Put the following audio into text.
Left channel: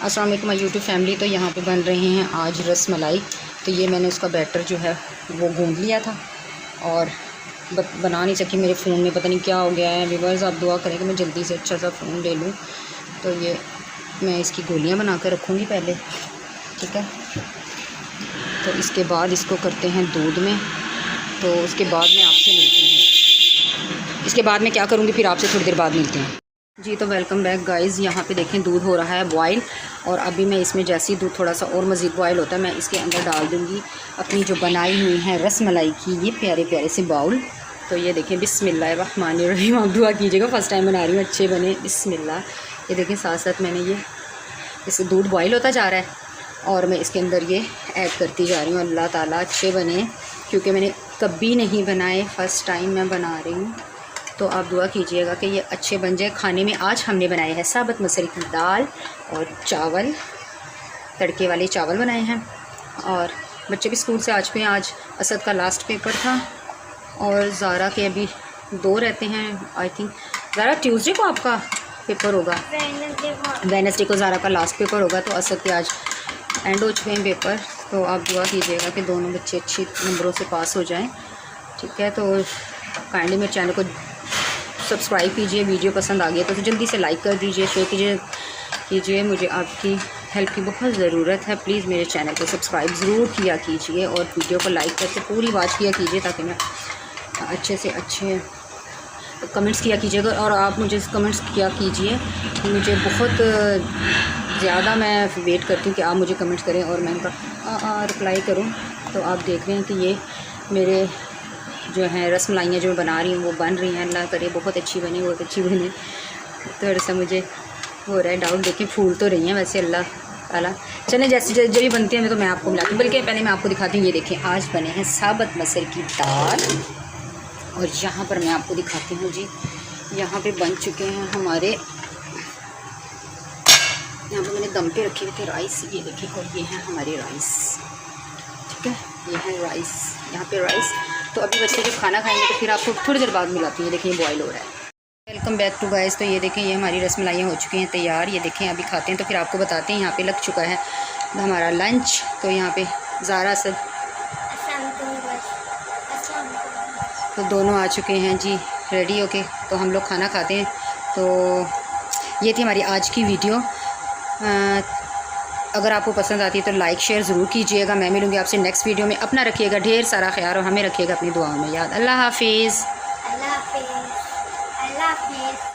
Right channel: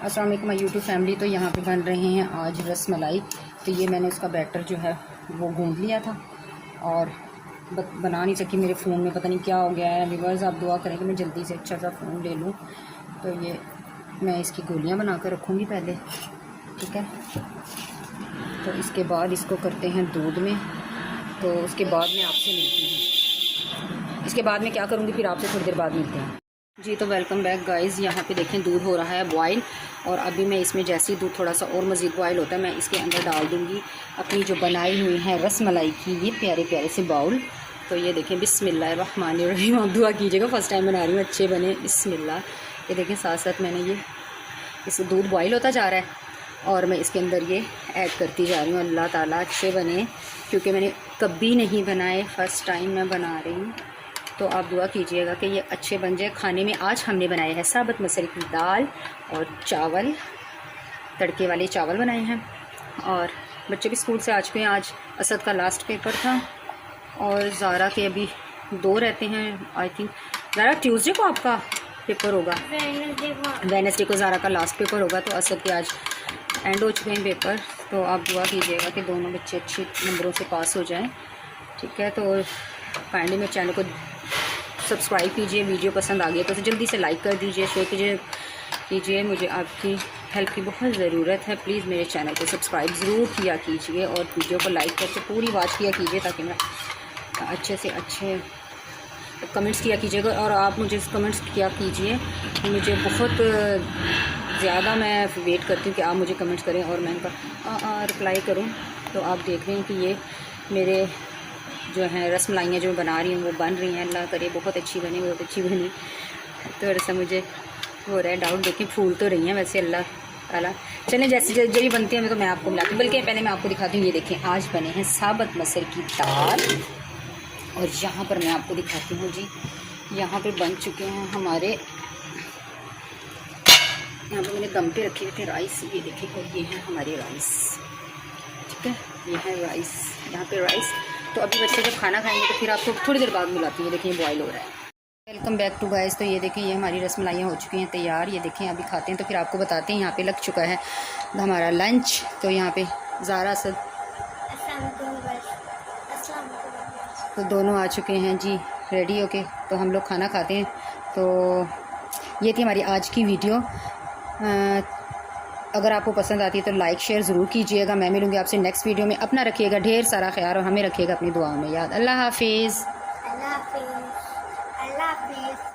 अस्सलाम वालेकुम YouTube family. तो यहाँ पे बन रहे हैं आज रस मलाई। तो ये मैंने उसका बैटर जो है वो गूंद लिया था और बना नहीं सकी, मेरे फ़ोन में पता नहीं क्या हो गया है। व्यूअर्स आप दुआ करें कि मैं जल्दी से अच्छा सा फ़ोन ले लूँ। तो ये मैं इसकी गोलियाँ बना कर रखूँगी पहले, ठीक है। तो इसके बाद इसको करते हैं दूध में। तो उसके बाद मैं आपसे मिलती हूँ, इसके बाद मैं क्या करूँगी फिर आपसे थोड़ी देर बाद मिलती हूँ जी। तो वेलकम बैक गाइज़। यहाँ पे देखें दूध हो रहा है बॉयल, और अभी मैं इसमें जैसे ही दूध थोड़ा सा और मज़ीद बॉयल होता है मैं इसके अंदर डाल दूँगी अपनी जो बनाई हुई है रस मलाई की ये प्यारे प्यारे से बाउल। तो ये देखें बिस्मिल्लाहिर्रहमानिर्रहीम। आप दुआ कीजिएगा, फ़र्स्ट टाइम बना रही हूँ, अच्छे बने बिस्मिल्लाह। ये देखें साथ साथ मैंने ये इस दूध बॉयल होता जा रहा है और मैं इसके अंदर ये ऐड करती जा रही हूँ। अल्लाह ताला अच्छे बने, क्योंकि मैंने कभी नहीं बनाए, फ़र्स्ट टाइम मैं बना रही हूँ। तो आप दुआ कीजिएगा कि ये अच्छे बन जाए। खाने में आज हमने बनाए हैं साबुत मसूर की दाल और चावल, तड़के वाले चावल बनाए हैं। और बच्चे भी स्कूल से आ चुके हैं। आज असद का लास्ट पेपर था और ज़ारा के अभी 2 रहते हैं। आई थिंक ज़ारा ट्यूसडे को आपका पेपर होगा, वेडनेसडे को ज़ारा का लास्ट पेपर होगा। तो असद के आज एंड हो चुके हैं पेपर। तो आप दुआ कीजिएगा कि दोनों बच्चे अच्छे नंबरों से पास हो जाएं, ठीक है। तो काइंडली मेरे चैनल को सब्सक्राइब कीजिए, वीडियो पसंद आ गई तो जल्दी से लाइक कर दीजिए, शेयर कीजिए। मुझे आपकी हेल्प की बहुत ज़रूरत है। प्लीज़ मेरे चैनल को सब्सक्राइब ज़रूर किया कीजिए और वीडियो को लाइक करके पूरी बात किया कीजिए, ताकि मैं अच्छे से अच्छे कमेंट्स किया कीजिएगा। और आप मुझे कमेंट्स किया कीजिए, मुझे बहुत ज़्यादा मैं वेट करती हूँ कि आप मुझे कमेंट्स करें और मैं उनका रिप्लाई करूँ। तो आप देख रहे हैं कि ये मेरे जो है रस मलाइयाँ जो बना रही हूँ वो बन रही हैं। अल्लाह करे बहुत अच्छी बने, बहुत अच्छी बने। तो ऐसा मुझे हो रहा है डाउट, देखिए फूल तो रही हैं वैसे अल्लाह ताला। चलें जैसी जब भी बनती है मैं तो मैं आपको मिलाती हूँ, बल्कि पहले मैं आपको दिखाती हूँ। ये देखिए आज बने हैं साबुत मसूर की दाल, और यहाँ पर मैं आपको दिखाती हूँ जी, यहाँ पे बन चुके हैं हमारे, यहाँ पर मैंने दम पे रखे हुए थे राइस। ये देखिए, और ये हैं हमारे राइस, ठीक है। ये है राइस, यहाँ पे राइस। तो अभी बच्चे जब खाना खाएंगे तो फिर आपको थोड़ी देर बाद मिलाती हूँ। ये देखिए बॉयल हो रहा है। Welcome back to guys. तो ये देखें ये हमारी रस मलाइयाँ हो चुकी हैं तैयार। ये देखें अभी खाते हैं तो फिर आपको बताते हैं। यहाँ पे लग चुका है हमारा लंच। तो यहाँ पे ज़ारा से तो दोनों आ चुके हैं जी रेडी होके। तो हम लोग खाना खाते हैं। तो ये थी हमारी आज की वीडियो। अगर आपको पसंद आती है तो लाइक शेयर ज़रूर कीजिएगा। मैं मिलूँगी आपसे नेक्स्ट वीडियो में। अपना रखिएगा ढेर सारा ख्याल और हमें रखिएगा अपनी दुआओं में याद। अल्लाह हाफिज़।